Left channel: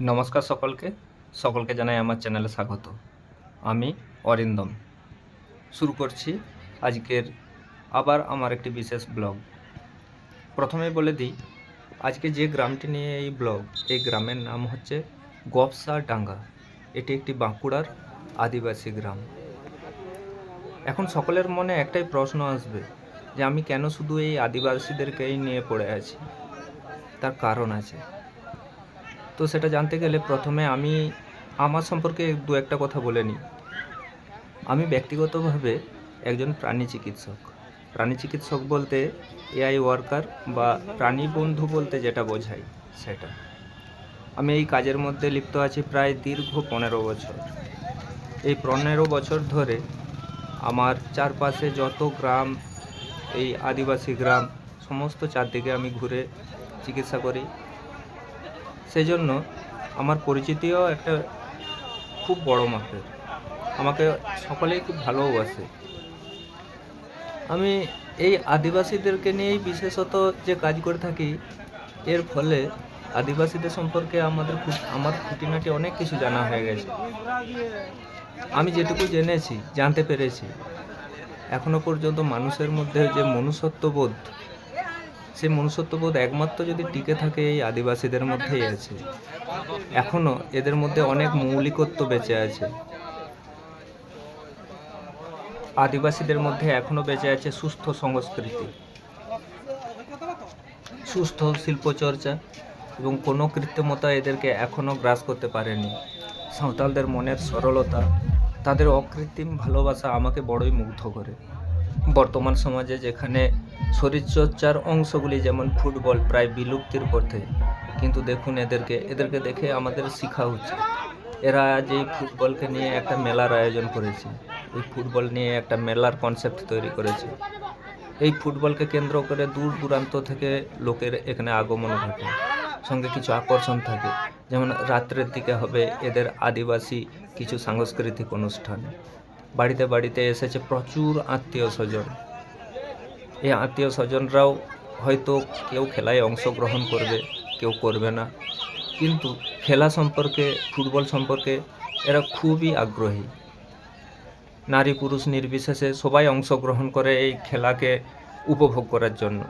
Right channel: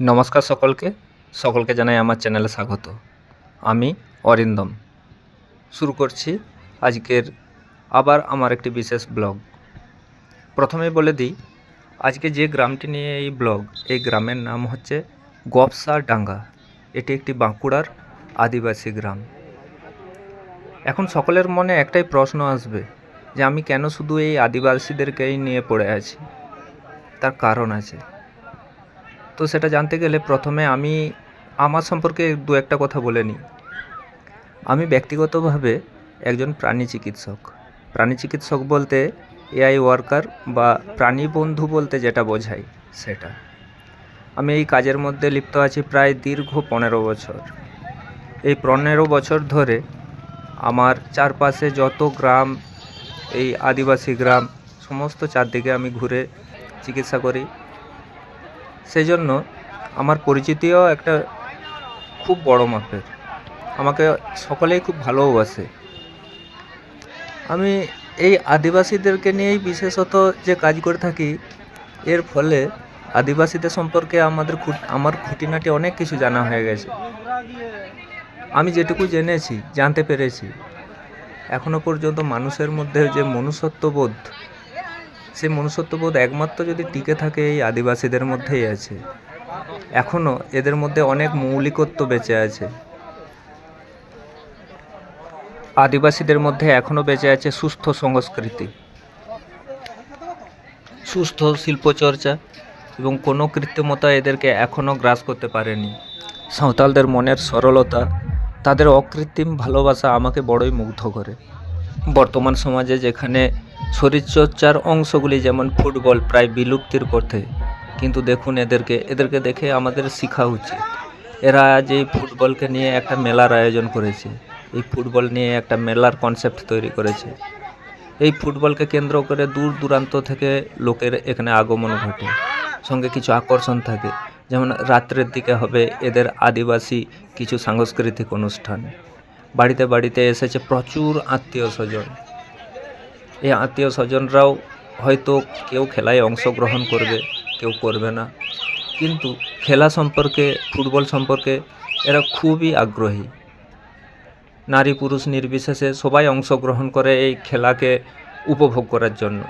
নমস্কার সকলকে জানাই আমার চ্যানেলে স্বাগত। আমি অরিন্দম শুরু করছি আজকের আবার আমার একটি বিশেষ ব্লগ। প্রথমেই বলে দিই, আজকে যে গ্রামটি নিয়ে এই ব্লগ, এই গ্রামের নাম হচ্ছে গবসা ডাঙ্গা। এটি একটি বাঁকুড়ার আদিবাসী গ্রাম। এখন সকলের মনে একটাই প্রশ্ন আসবে যে আমি কেন শুধু এই আদিবাসীদেরকেই নিয়ে পড়ে আছি। তার কারণ আছে। তো সেটা জানতে গেলে প্রথমে আমি আমার সম্পর্কে দু একটা কথা বলে নিই। আমি ব্যক্তিগতভাবে একজন প্রাণী চিকিৎসক। প্রাণী চিকিৎসক বলতে এআই ওয়ার্কার বা প্রাণী বন্ধু বলতে যেটা বোঝায় সেটা। আমি এই কাজের মধ্যে লিপ্ত আছি প্রায় দীর্ঘ 15 বছর। এই 15 বছর ধরে আমার চারপাশে যত গ্রাম, এই আদিবাসী গ্রাম, সমস্ত চারদিকে আমি ঘুরে চিকিৎসা করি। সেই জন্য আমার পরিচিতিও একটা খুব বড় মাপের। আমাকে সকলেই খুব ভালোবাসে। আমি এই আদিবাসীদেরকে নিয়েই বিশেষত যে কাজ করে থাকি, এর ফলে আদিবাসীদের সম্পর্কে আমার খুঁটিনাটি অনেক কিছু জানা হয়ে গেছে। আমি যেটুকু জেনেছি, জানতে পেরেছি, এখনো পর্যন্ত মানুষের মধ্যে যে মনুষ্যত্ববোধ, সেই মনুষ্যত্ববোধ একমাত্র যদি টিকে থাকে এই আদিবাসীদের মধ্যেই আছে। এখনও এদের মধ্যে অনেক মৌলিকত্ব বেঁচে আছে। আদিবাসীদের মধ্যে এখনও বেঁচে আছে সুস্থ সংস্কৃতি, সুস্থ শিল্পচর্চা এবং কোনো কৃত্রিমতা এদেরকে এখনও গ্রাস করতে পারেনি। সাঁওতালদের মনের সরলতা, তাদের অকৃত্রিম ভালোবাসা আমাকে বড়ই মুগ্ধ করে। বর্তমান সমাজে যেখানে শরীরচর্চার অংশগুলি যেমন ফুটবল প্রায় বিলুপ্তির পথে, কিন্তু দেখুন এদেরকে দেখে আমাদের শেখা উচিত। এরা আজ এই ফুটবলকে নিয়ে একটা মেলার আয়োজন করেছে, এই ফুটবল নিয়ে একটা মেলার কনসেপ্ট তৈরি করেছে। এই ফুটবলকে কেন্দ্র করে দূর দূরান্ত থেকে লোকের এখানে আগমন ঘটে, সঙ্গে কিছু আকর্ষণ থাকে। যেমন রাত্রের দিকে হবে এদের আদিবাসী কিছু সাংস্কৃতিক অনুষ্ঠান। বাড়িতে বাড়িতে এসেছে প্রচুর আত্মীয় স্বজন। এই আত্মীয় স্বজনরাও হয়তো কেউ খেলায় অংশগ্রহণ করবে, কেউ করবে না, কিন্তু খেলা সম্পর্কে, ফুটবল সম্পর্কে এরা খুবই আগ্রহী। নারী পুরুষ নির্বিশেষে সবাই অংশগ্রহণ করে এই খেলাকে উপভোগ করার জন্য।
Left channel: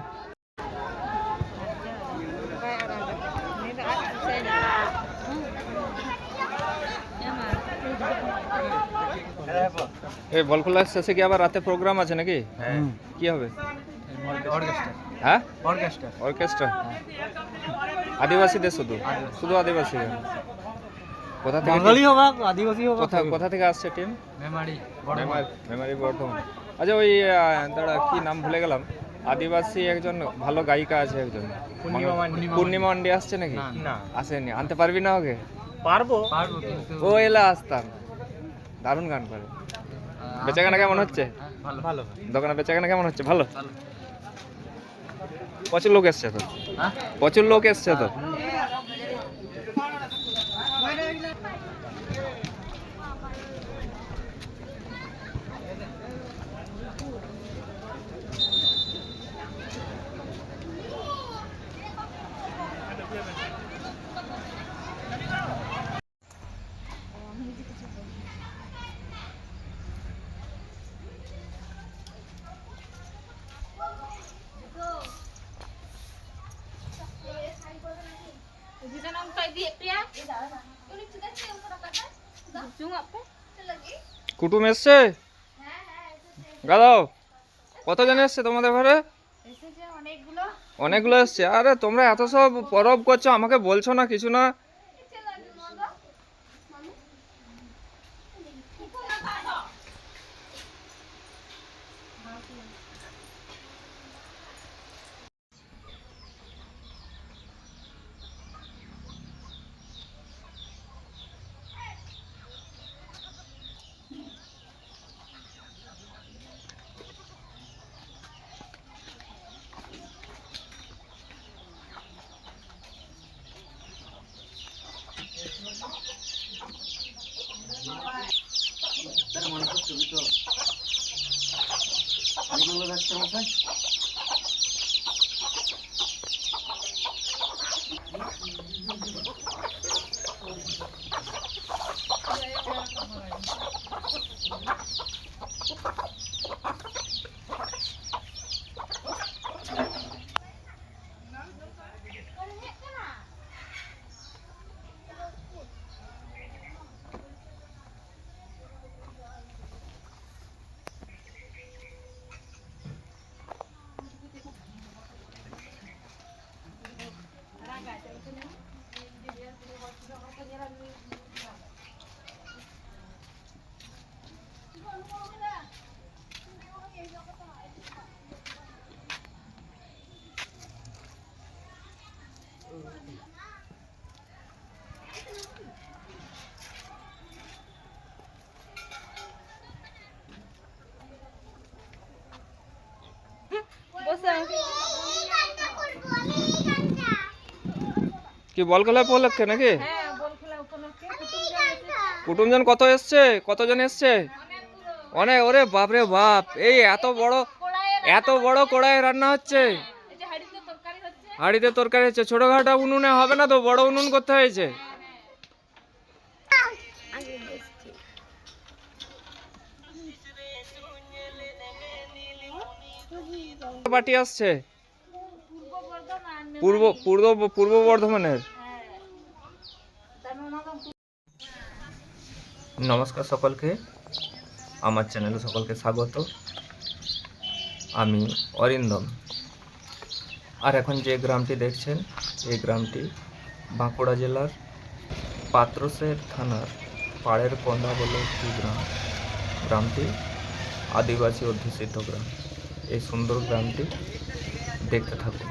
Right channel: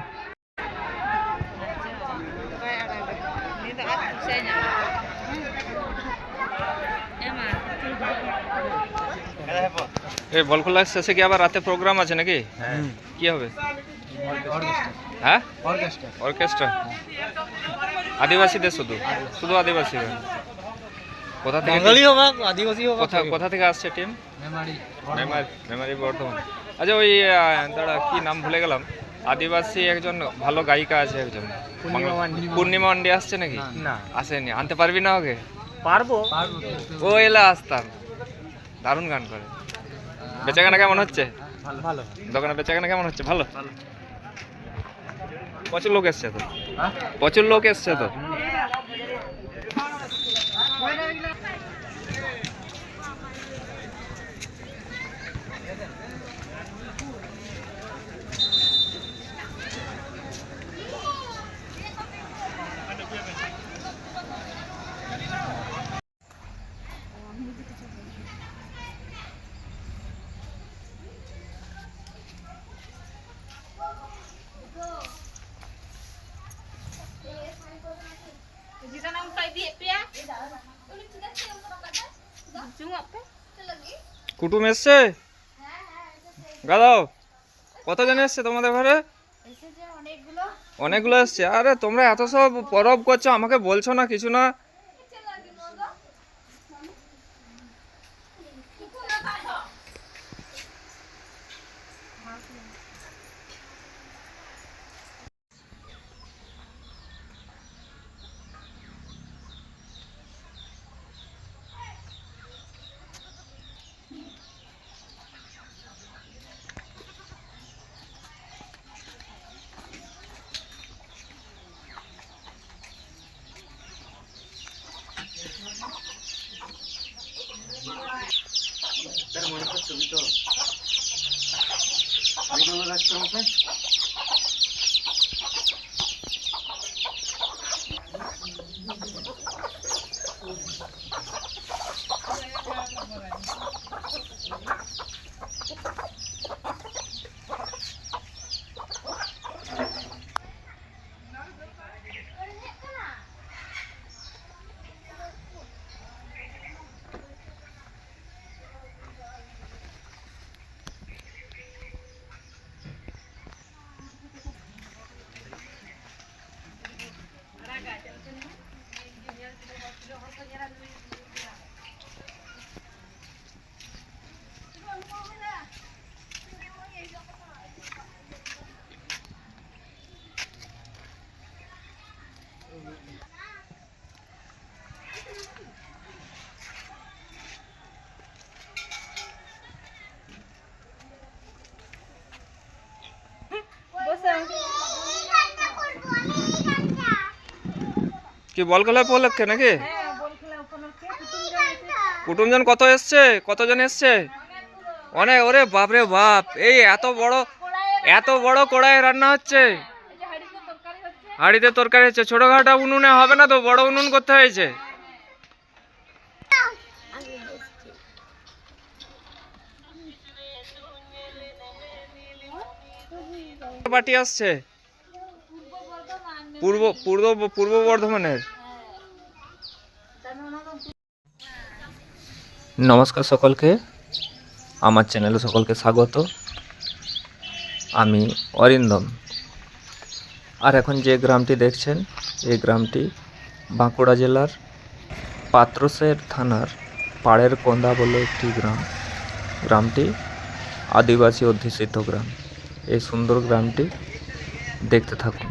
এই বল খোলার শেষে কি আবার রাতে প্রোগ্রাম আছে নাকি? কি হবে? হ্যাঁ, অর্কেস্ট্রা। আদিবাসীদের শুধু আদিবাসী। কোথা থেকে কোথা থেকে আসছে টিম? মেমারি বর্ধমান। আচ্ছা, ওই দাঁড়া, কি নাম ভুলে গেলাম। আদিবাসী একজন ভালো গায়িকা আছে, একজন পূর্ণিমা মান্ডি আসছে নাকি? আসেনি। আনতে পারবি না ওকে? পারবো। ও এলা আসতাম, দারুণ গান করে। বেচাকেনা কেমন হচ্ছে? দোকানে বেচাকেনা কেমন হচ্ছে? ভালো। প্রচুর লোক এসছে তো। কুটুম এসছে? গাদাও, কতজন এসছে তোমাদের ঘরে? অনেকগুলো এসছে। আরে তোমরা এত সব পরব করছো, আমাকে বলছো না, কিছু না। মনে করছো তো কি বল খেলা উপলক্ষে নাকি? কুটুমজন কত এসছে? কতজন এসছে? অনেক। ওরে বাপরে বাপ, এই এত বড় কড়াই রান্না হচ্ছে, হাঁড়িতে তরকারি হচ্ছে। ছোটখাটো উনুনে হবে না তো, বড় উনুন করতে হয়েছে। পার্টি আসছে পূর্ব বর্ধমানের। নমস্কার সকলকে, আমার চ্যানেলে সকলকে স্বাগত। আমি অরিন্দম। আর এখন যে গ্রামটি দেখছেন, এই গ্রামটি বাঁকুড়া জেলার পাত্রসের থানার পাড়ের কোন্দা বলে একটি গ্রাম। গ্রামটি আদিবাসী অধ্যুষিত গ্রাম। এই সুন্দর গ্রামটি দেখতে থাকুন।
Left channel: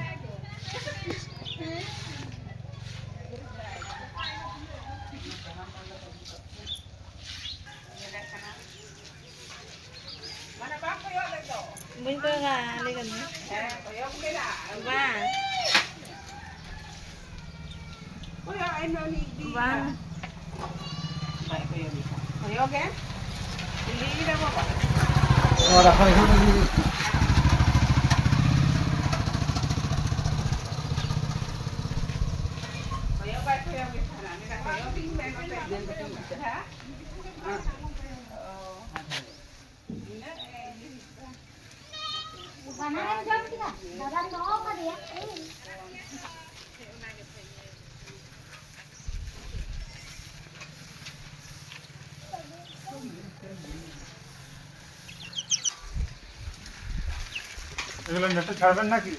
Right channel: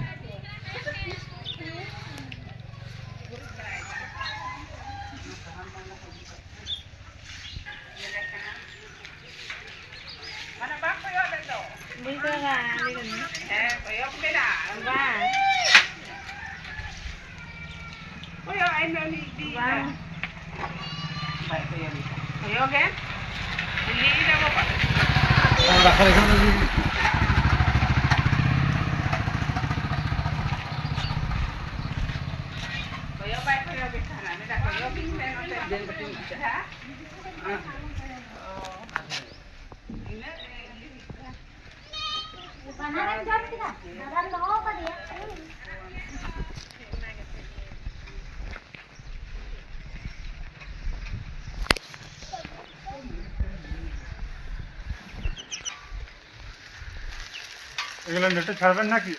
এগুলো নেটে ছাড়বেন নাকি?